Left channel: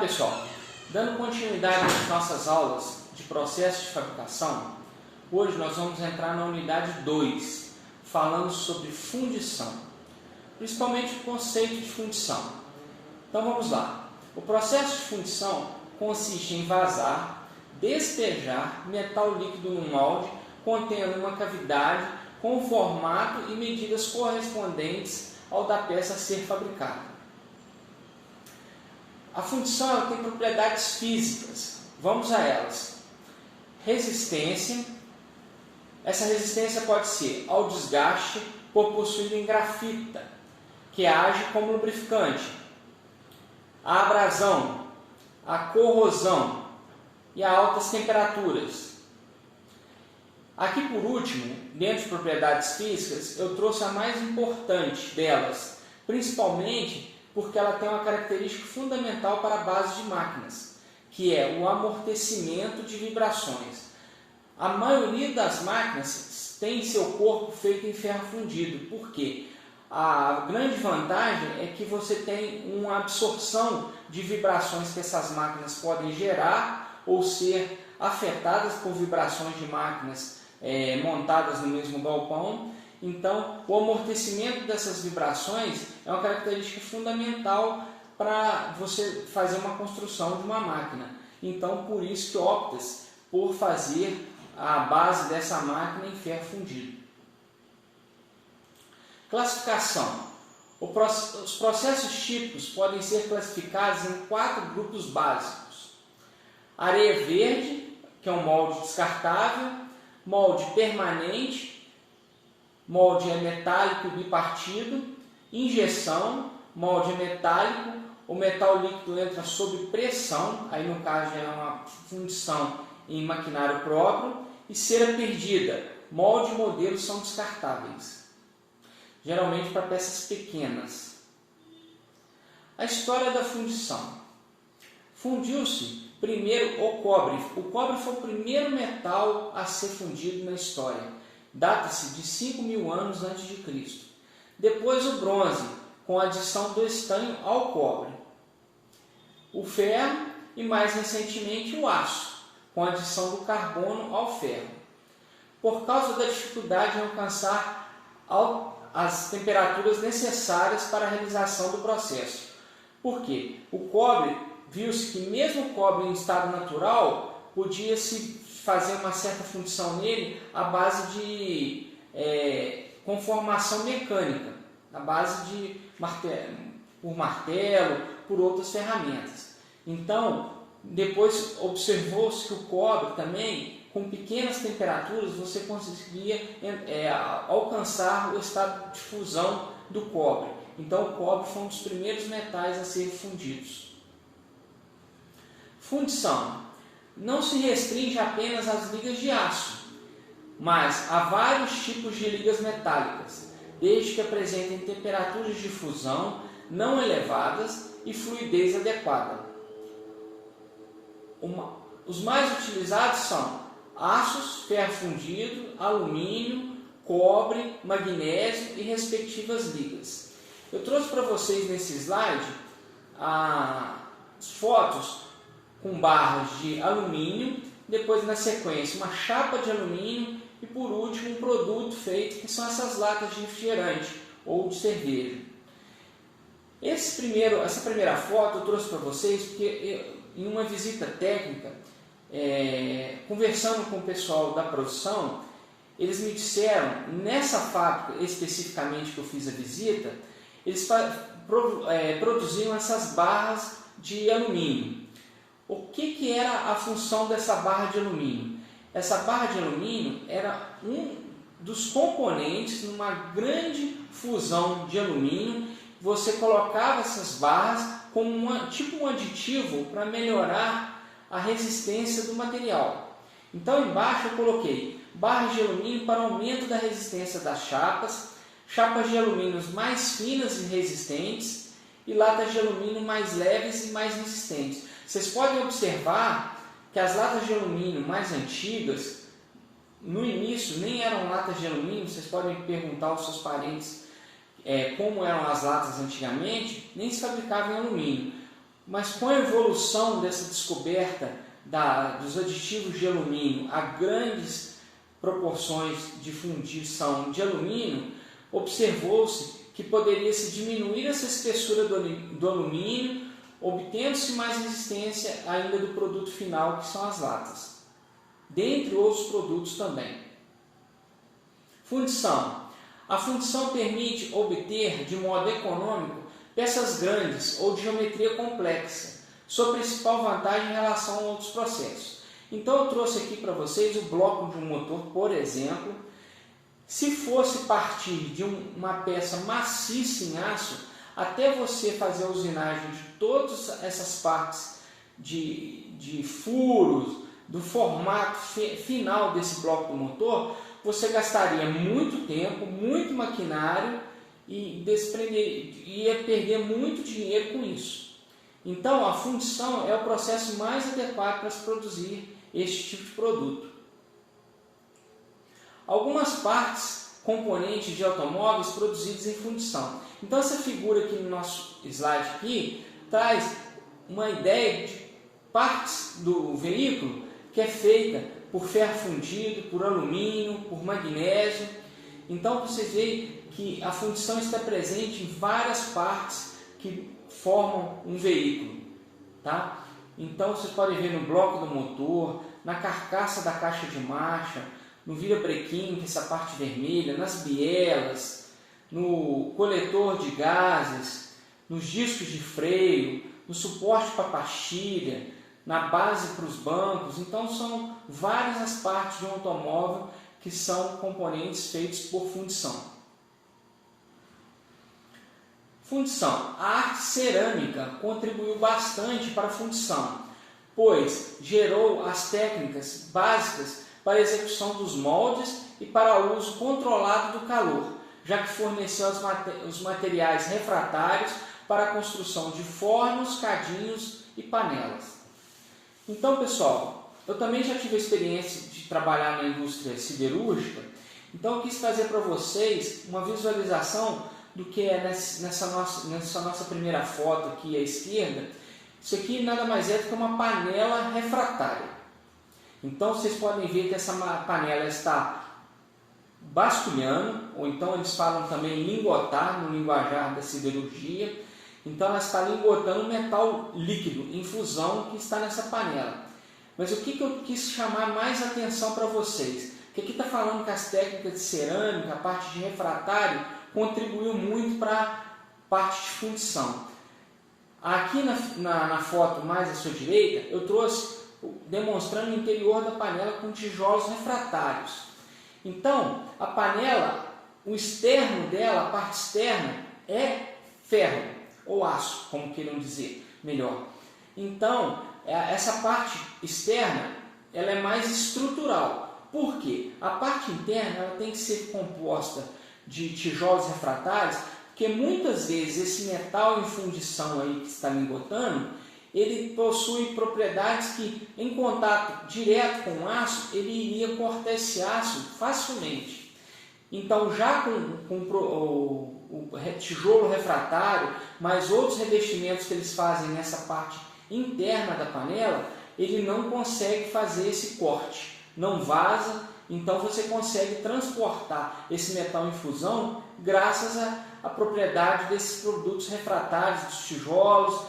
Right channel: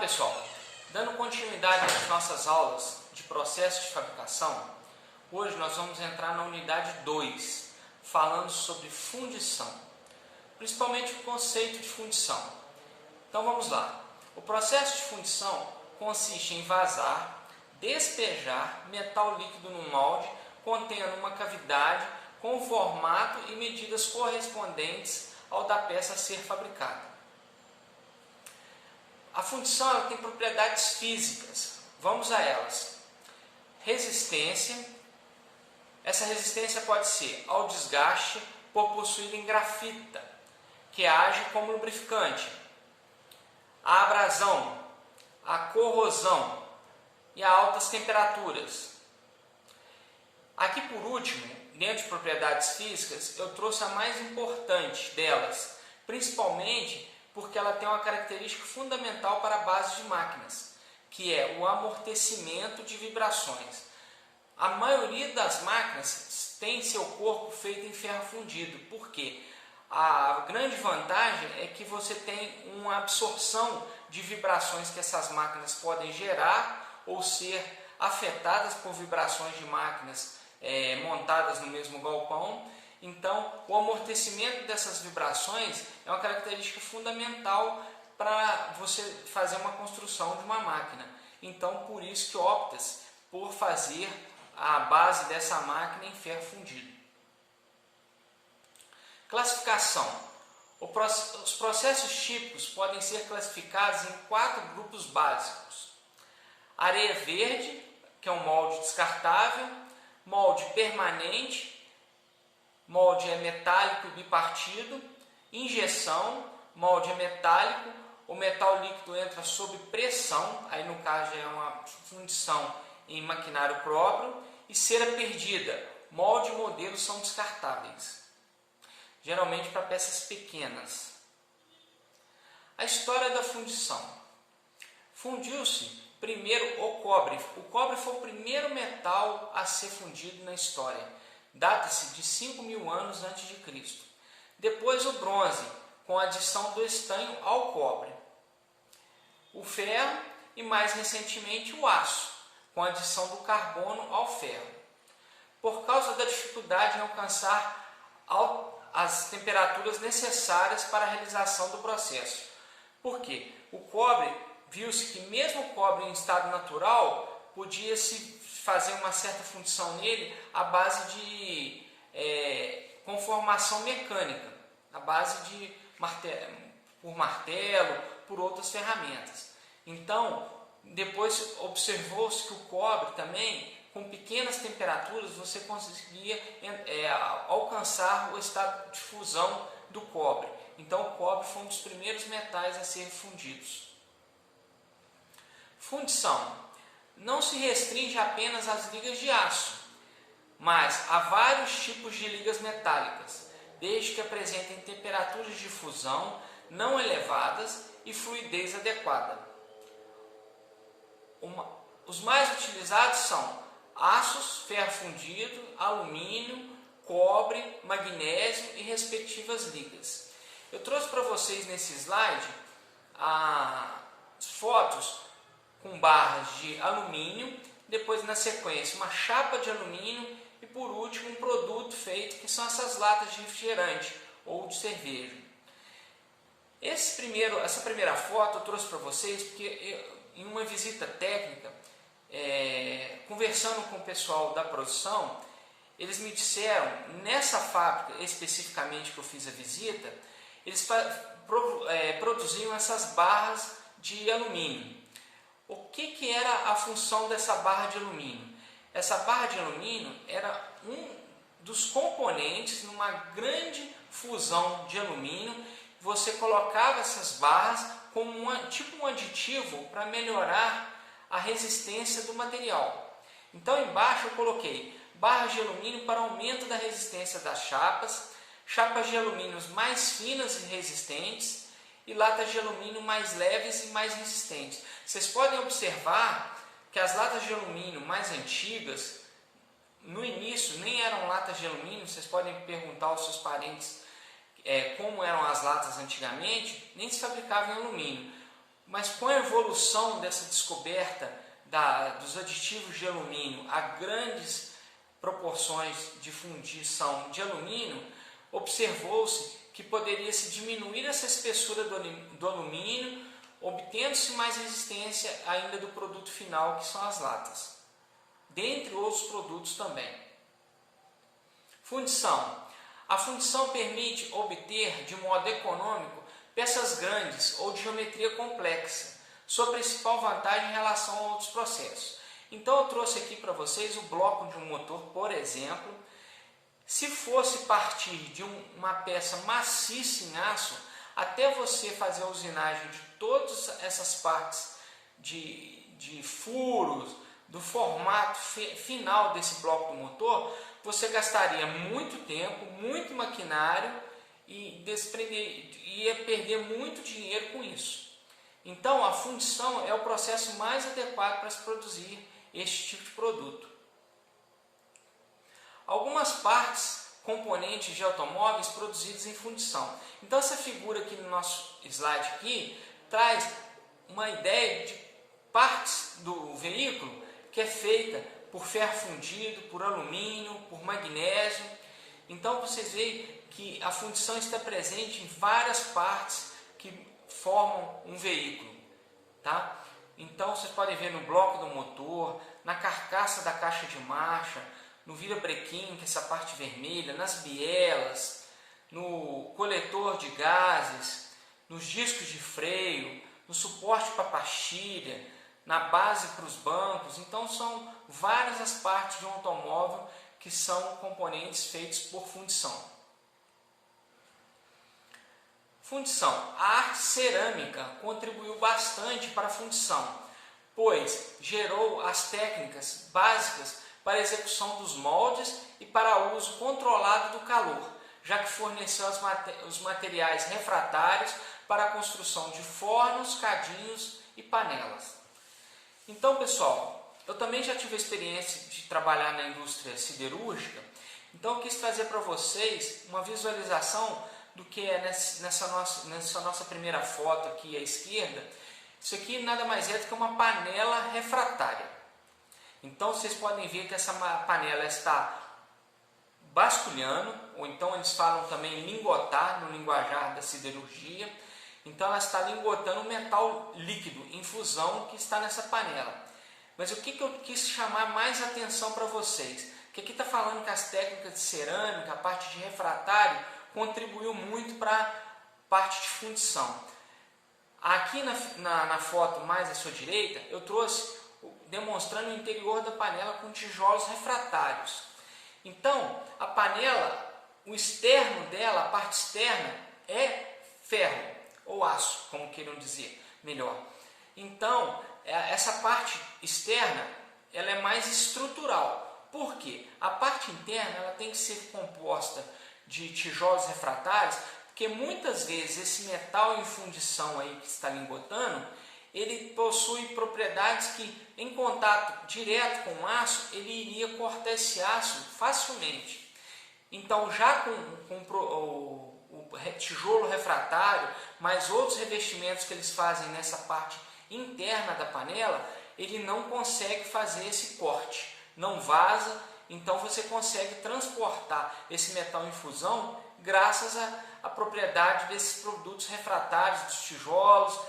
pessoal, dando continuidade às nossas aulas de processo de fabricação, hoje nós vamos entrar na unidade 2, falando sobre fundição, principalmente o conceito de fundição. Então vamos lá. O processo de fundição consiste em vazar, despejar metal líquido no molde contendo uma cavidade com formato e medidas correspondentes ao da peça a ser fabricada. A fundição ela tem propriedades físicas. Vamos a elas. Resistência. Essa resistência pode ser ao desgaste por possuir em grafita, que age como lubrificante, a abrasão, a corrosão e a altas temperaturas. Aqui por último, dentro de propriedades físicas, eu trouxe a mais importante delas, principalmente porque ela tem uma característica fundamental para a base de máquinas, que é o amortecimento de vibrações. A maioria das máquinas tem seu corpo feito em ferro fundido, porque a grande vantagem é que você tem uma absorção de vibrações que essas máquinas podem gerar ou ser afetadas por vibrações de máquinas montadas no mesmo galpão. Então, o amortecimento dessas vibrações é uma característica fundamental para você fazer uma construção de uma máquina. Então, por isso que opta-se por fazer a base dessa máquina em ferro fundido. Classificação. Os processos típicos podem ser classificados em 4 grupos básicos. Areia verde, que é um molde descartável, molde permanente, molde metálico bipartido, injeção, molde metálico, o metal líquido entra sob pressão, aí no caso é uma fundição em maquinário próprio, e cera perdida, molde e modelo são descartáveis, geralmente para peças pequenas. A história da fundição. Fundiu-se primeiro o cobre. O cobre foi o primeiro metal a ser fundido na história. Data-se de 5.000 anos antes de Cristo. Depois o bronze, com a adição do estanho ao cobre. O ferro e mais recentemente o aço, com a adição do carbono ao ferro. Por causa da dificuldade em alcançar as temperaturas necessárias para a realização do processo. Por quê? O cobre, viu-se que mesmo o cobre em estado natural, podia-se fazer uma certa fundição nele à base de conformação mecânica, à base de martelo, por outras ferramentas. Então, depois observou-se que o cobre também, com pequenas temperaturas, você conseguia alcançar o estado de fusão do cobre. Então, o cobre foi um dos primeiros metais a serem fundidos. Fundição. Não se restringe apenas às ligas de aço, mas há vários tipos de ligas metálicas, desde que apresentem temperaturas de fusão não elevadas e fluidez adequada. Os mais utilizados são aços, ferro fundido, alumínio, cobre, magnésio e respectivas ligas. Eu trouxe para vocês nesse slide as fotos com barras de alumínio, depois na sequência uma chapa de alumínio e por último um produto feito que são essas latas de refrigerante ou de cerveja. Essa primeira foto eu trouxe para vocês porque em uma visita técnica, conversando com o pessoal da produção, eles me disseram, nessa fábrica especificamente que eu fiz a visita, eles produziam essas barras de alumínio. O que era a função dessa barra de alumínio? Essa barra de alumínio era um dos componentes numa grande fusão de alumínio. Você colocava essas barras como tipo um aditivo para melhorar a resistência do material. Então embaixo eu coloquei barras de alumínio para aumento da resistência das chapas, chapas de alumínio mais finas e resistentes e latas de alumínio mais leves e mais resistentes. Vocês podem observar que as latas de alumínio mais antigas, no início nem eram latas de alumínio. Vocês podem perguntar aos seus parentes como eram as latas antigamente, nem se fabricavam em alumínio. mas com a evolução dessa descoberta dos aditivos de alumínio a grandes proporções de fundição de alumínio, observou-se que poderia-se diminuir essa espessura do alumínio, obtendo-se mais resistência ainda do produto final, que são as latas, dentre outros produtos também. Fundição. A fundição permite obter de modo econômico peças grandes ou de geometria complexa, sua principal vantagem em relação a outros processos. Então eu trouxe aqui para vocês o bloco de um motor, por exemplo. Se fosse partir de uma peça maciça em aço, até você fazer a usinagem de todas essas partes de furos, do formato final desse bloco do motor, você gastaria muito tempo, muito maquinário e ia perder muito dinheiro com isso. Então a fundição é o processo mais adequado para se produzir este tipo de produto. Algumas partes, componentes de automóveis produzidos em fundição. Então essa figura aqui no nosso slide aqui traz uma ideia de partes do veículo que é feita por ferro fundido, por alumínio, por magnésio. Então vocês veem que a fundição está presente em várias partes que formam um veículo, tá? Então vocês podem ver no bloco do motor, na carcaça da caixa de marcha, no virabrequim, que é essa parte vermelha, nas bielas, no coletor de gases, nos discos de freio, no suporte para pastilha, na base para os bancos. Então são várias as partes de um automóvel que são componentes feitos por fundição. Fundição. A arte cerâmica contribuiu bastante para a fundição, pois gerou as técnicas básicas para a execução dos moldes e para o uso controlado do calor, já que forneceu os materiais refratários para a construção de fornos, cadinhos e panelas. Então, pessoal, eu também já tive a experiência de trabalhar na indústria siderúrgica, então eu quis trazer para vocês uma visualização do que é nessa nossa primeira foto aqui à esquerda. Isso aqui nada mais é do que uma panela refratária. Então vocês podem ver que essa panela está basculhando, ou então eles falam também lingotar no linguajar da siderurgia. Então ela está lingotando metal líquido em fusão que está nessa panela. Mas o que eu quis chamar mais atenção para vocês? Que aqui está falando que as técnicas de cerâmica, a parte de refratário, contribuiu muito para a parte de fundição. Aqui na foto mais à sua direita, eu trouxe demonstrando o interior da panela com tijolos refratários. Então, a panela, o externo dela, a parte externa, é ferro, ou aço, como queiram dizer melhor. Então, essa parte externa, ela é mais estrutural. Por quê? A parte interna, ela tem que ser composta de tijolos refratários, porque muitas vezes esse metal em fundição aí que está lingotando, ele possui propriedades que, em contato direto com o aço, ele iria cortar esse aço facilmente. Então, já com o tijolo refratário, mais outros revestimentos que eles fazem nessa parte interna da panela, ele não consegue fazer esse corte, não vaza. Então você consegue transportar esse metal em fusão graças à propriedade desses produtos refratários, dos tijolos.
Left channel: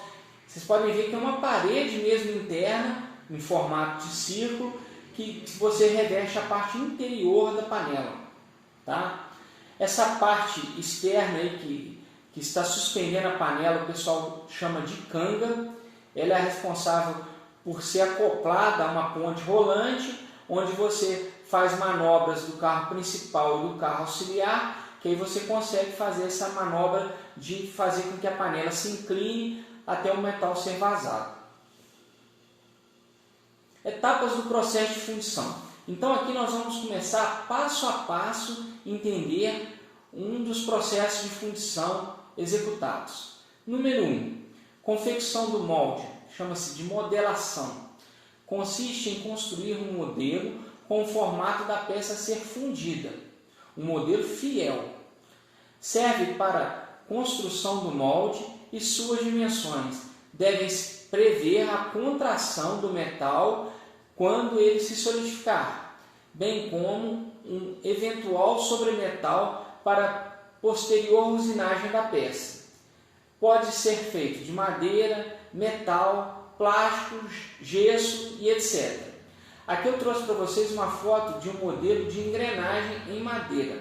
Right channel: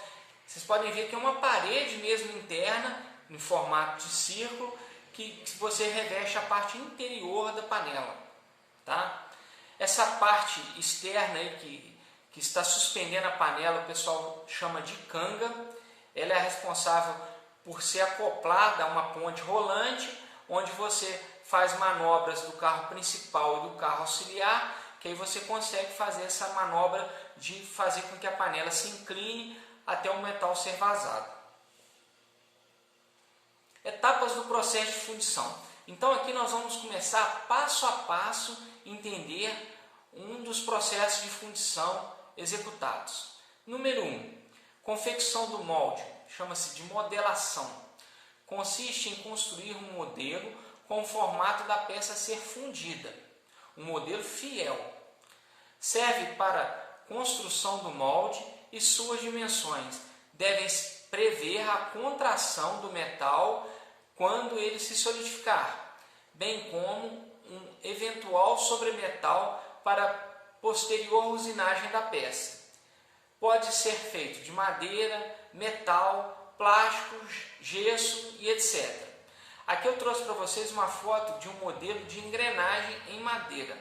Vocês podem ver que é uma parede mesmo interna, em formato de círculo, que você reveste a parte interior da panela. Tá? Essa parte externa aí que está suspendendo a panela, o pessoal chama de canga. Ela é responsável por ser acoplada a uma ponte rolante, onde você faz manobras do carro principal e do carro auxiliar, que aí você consegue fazer essa manobra de fazer com que a panela se incline até o metal ser vazado. Etapas do processo de fundição. Então aqui nós vamos começar passo a passo a entender um dos processos de fundição executados. Número 1. Confecção do molde, chama-se de modelação. Consiste em construir um modelo com o formato da peça a ser fundida, um modelo fiel. Serve para construção do molde e suas dimensões, devem prever a contração do metal quando ele se solidificar, bem como um eventual sobremetal para posterior usinagem da peça. Pode ser feito de madeira, metal, plástico, gesso e etc. Aqui eu trouxe para vocês uma foto de um modelo de engrenagem em madeira.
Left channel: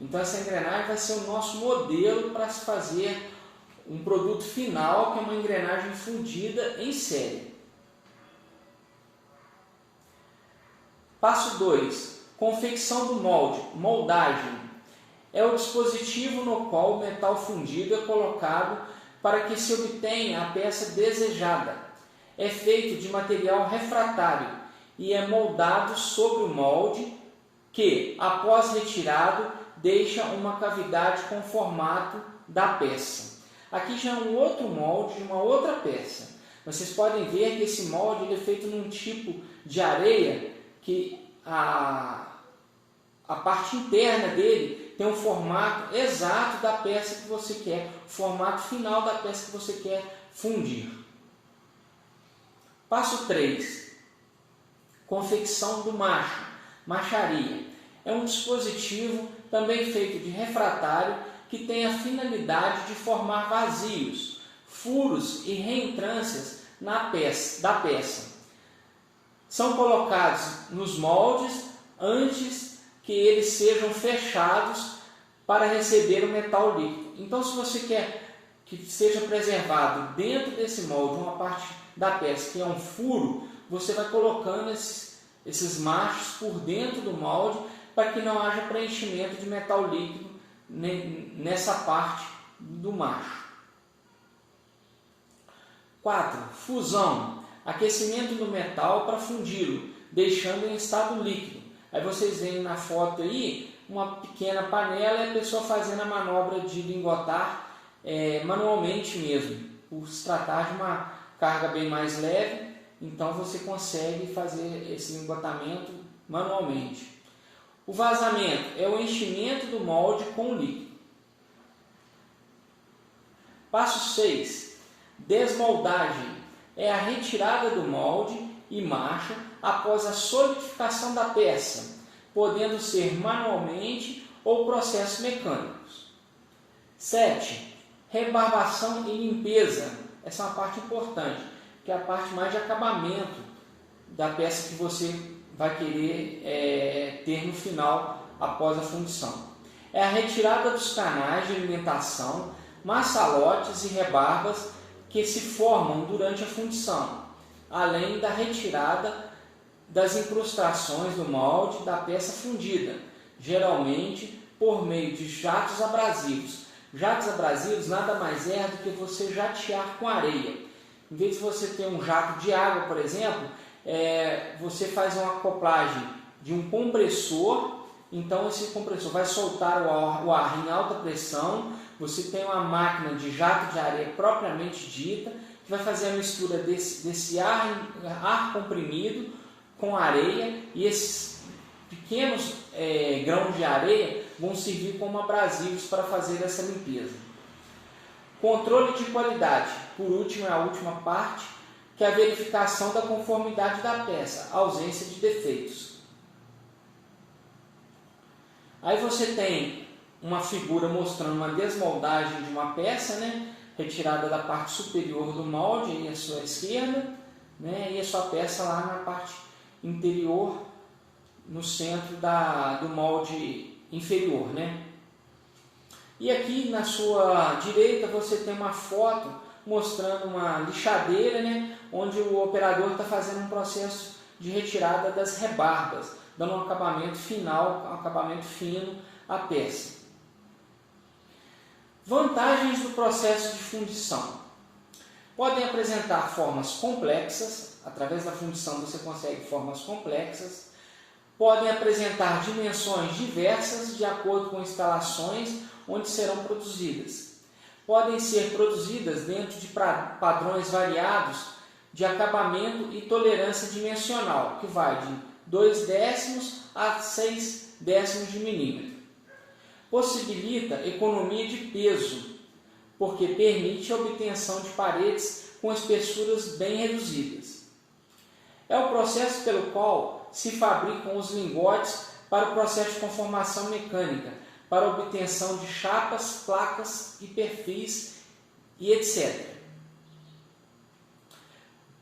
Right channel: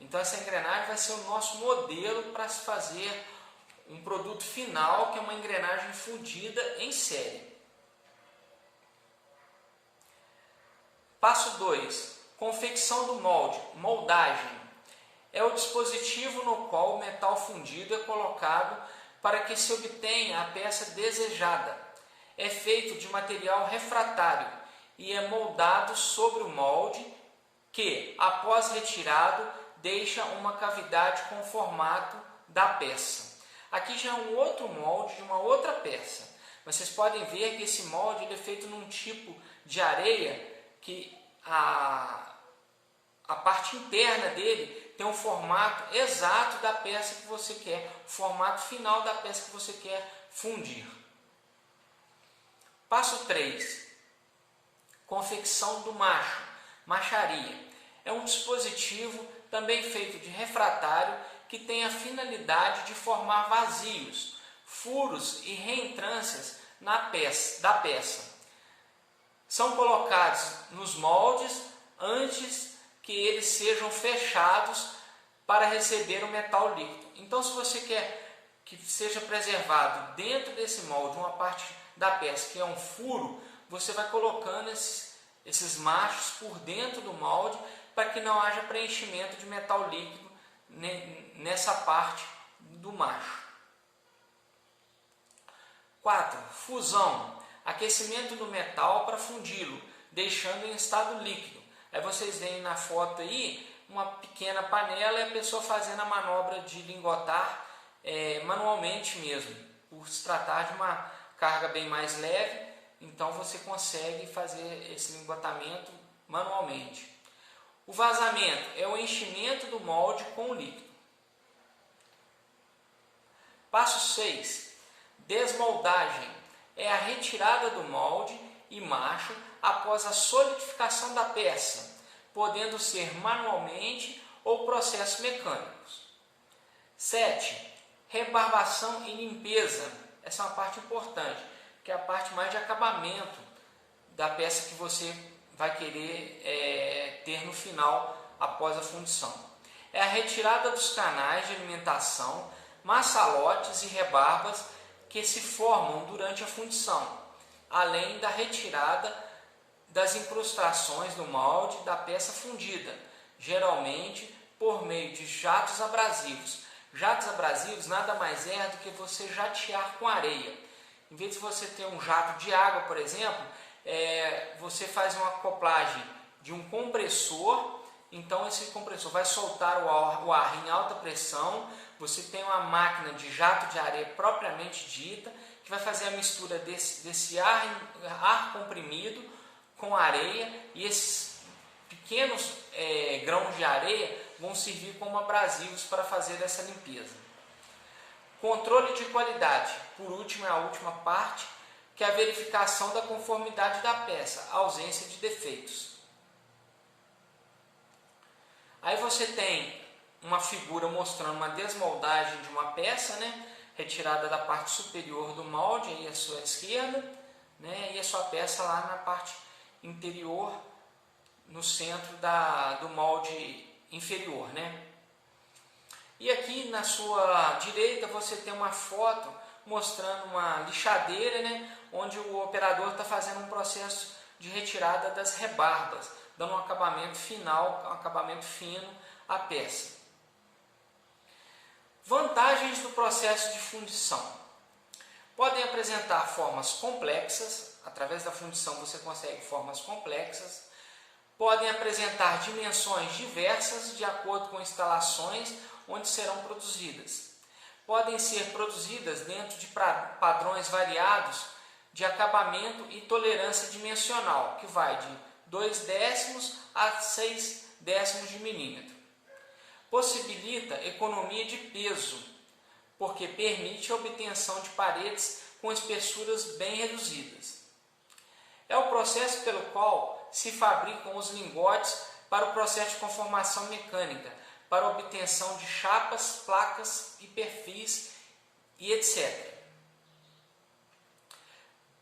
Então essa engrenagem vai ser o nosso modelo para se fazer um produto final, que é uma engrenagem fundida em série. Passo 2. Confecção do molde, moldagem. É o dispositivo no qual o metal fundido é colocado para que se obtenha a peça desejada. É feito de material refratário e é moldado sobre o molde que, após retirado, deixa uma cavidade com o formato da peça. Aqui já é um outro molde de uma outra peça. Vocês podem ver que esse molde ele é feito num tipo de areia que a parte interna dele tem um formato exato da peça que você quer, o formato final da peça que você quer fundir. Passo 3. Confecção do macho, macharia. É um dispositivo também feito de refratário que tem a finalidade de formar vazios, furos e reentrâncias da peça. São colocados nos moldes antes que eles sejam fechados para receber o metal líquido. Então, se você quer que seja preservado dentro desse molde uma parte da peça que é um furo, você vai colocando esses machos por dentro do molde para que não haja preenchimento de metal líquido nessa parte do macho. 4. Fusão. Aquecimento do metal para fundi-lo, deixando em estado líquido. Aí vocês veem na foto aí uma pequena panela e a pessoa fazendo a manobra de lingotar manualmente mesmo. Por se tratar de uma carga bem mais leve, então você consegue fazer esse lingotamento manualmente. O vazamento é o enchimento do molde com líquido. Passo 6. Desmoldagem. É a retirada do molde e macho após a solidificação da peça, podendo ser manualmente ou processos mecânicos. 7. Rebarbação e limpeza. Essa é uma parte importante, que é a parte mais de acabamento da peça que você vai querer ter no final após a fundição. É a retirada dos canais de alimentação, maçalotes e rebarbas que se formam durante a fundição, além da retirada das incrustações do molde da peça fundida, geralmente por meio de jatos abrasivos. Jatos abrasivos nada mais é do que você jatear com areia. Em vez de você ter um jato de água, por exemplo, você faz uma acoplagem de um compressor. Então esse compressor vai soltar o ar em alta pressão. Você tem uma máquina de jato de areia propriamente dita, que vai fazer a mistura desse ar comprimido com areia, e esses pequenos grãos de areia vão servir como abrasivos para fazer essa limpeza. Controle de qualidade. Por último, é a última parte, que é a verificação da conformidade da peça, ausência de defeitos. Aí você tem uma figura mostrando uma desmoldagem de uma peça, retirada da parte superior do molde, aí à sua esquerda, e a sua peça lá na parte interior, no centro do molde inferior. E aqui na sua direita você tem uma foto mostrando uma lixadeira, onde o operador está fazendo um processo de retirada das rebarbas, dando um acabamento final, um acabamento fino à peça. Vantagens do processo de fundição. Podem apresentar formas complexas, através da fundição você consegue formas complexas. Podem apresentar dimensões diversas de acordo com instalações onde serão produzidas. Podem ser produzidas dentro de padrões variados de acabamento e tolerância dimensional, que vai de 0,2 a 0,6 de milímetro. Possibilita economia de peso, porque permite a obtenção de paredes com espessuras bem reduzidas. É o processo pelo qual se fabricam os lingotes para o processo de conformação mecânica, para a obtenção de chapas, placas e perfis e etc.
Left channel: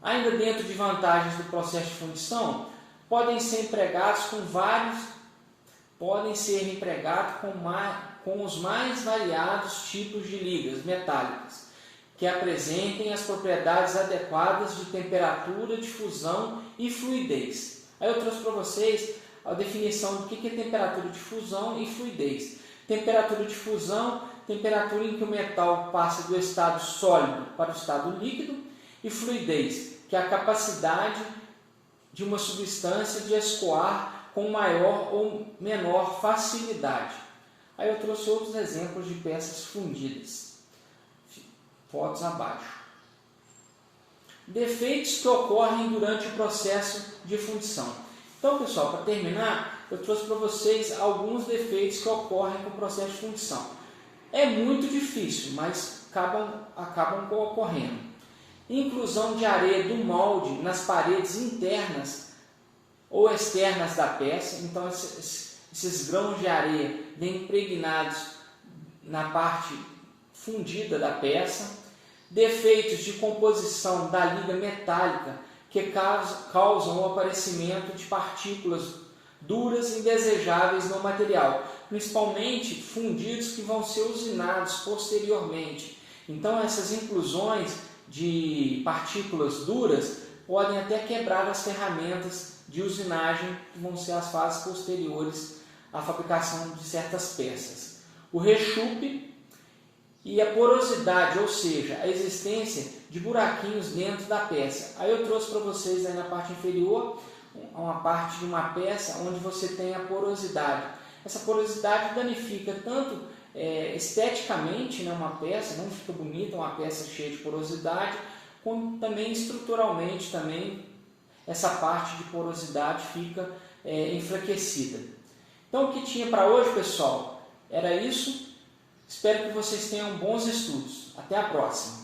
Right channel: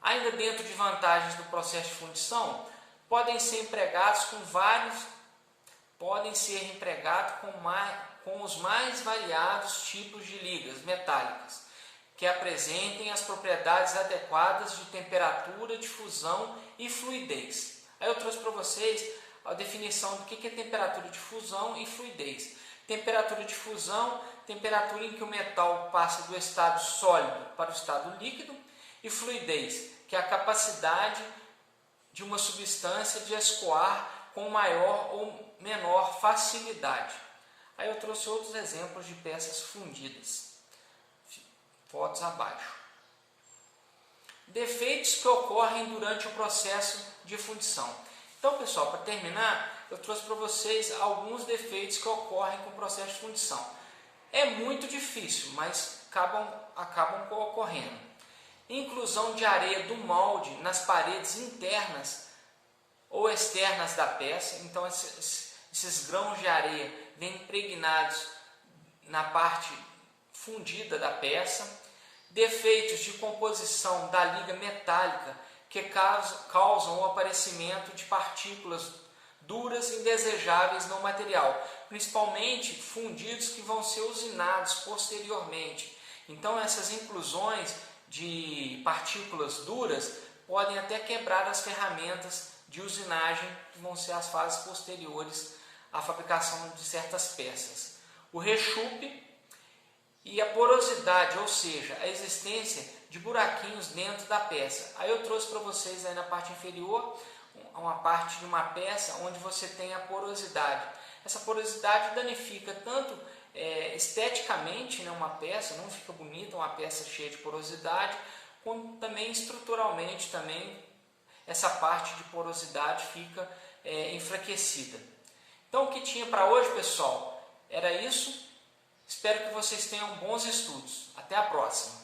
Ainda dentro de vantagens do processo de fundição, podem ser empregados com os mais variados tipos de ligas metálicas, que apresentem as propriedades adequadas de temperatura, de fusão e fluidez. Aí eu trouxe para vocês a definição do que é temperatura de fusão e fluidez. Temperatura de fusão, temperatura em que o metal passa do estado sólido para o estado líquido, e fluidez, que é a capacidade de uma substância de escoar com maior ou menor facilidade. Aí eu trouxe outros exemplos de peças fundidas. Fotos abaixo. Defeitos que ocorrem durante o processo de fundição. Então, pessoal, para terminar, eu trouxe para vocês alguns defeitos que ocorrem com o processo de fundição. É muito difícil, mas acabam ocorrendo. Inclusão de areia do molde nas paredes internas ou externas da peça. Então, esses grãos de areia vêm impregnados na parte fundida da peça. Defeitos de composição da liga metálica que causam o aparecimento de partículas duras e indesejáveis no material, principalmente fundidos que vão ser usinados posteriormente. Então, essas inclusões de partículas duras podem até quebrar as ferramentas de usinagem, que vão ser as fases posteriores à fabricação de certas peças. O rechupe e a porosidade, ou seja, a existência de buraquinhos dentro da peça. Aí eu trouxe para vocês aí na parte inferior uma parte de uma peça onde você tem a porosidade. Essa porosidade danifica tanto esteticamente, né, uma peça, não fica bonita uma peça cheia de porosidade, como também estruturalmente também essa parte de porosidade fica enfraquecida. Então o que tinha para hoje, pessoal, era isso. Espero que vocês tenham bons estudos. Até a próxima!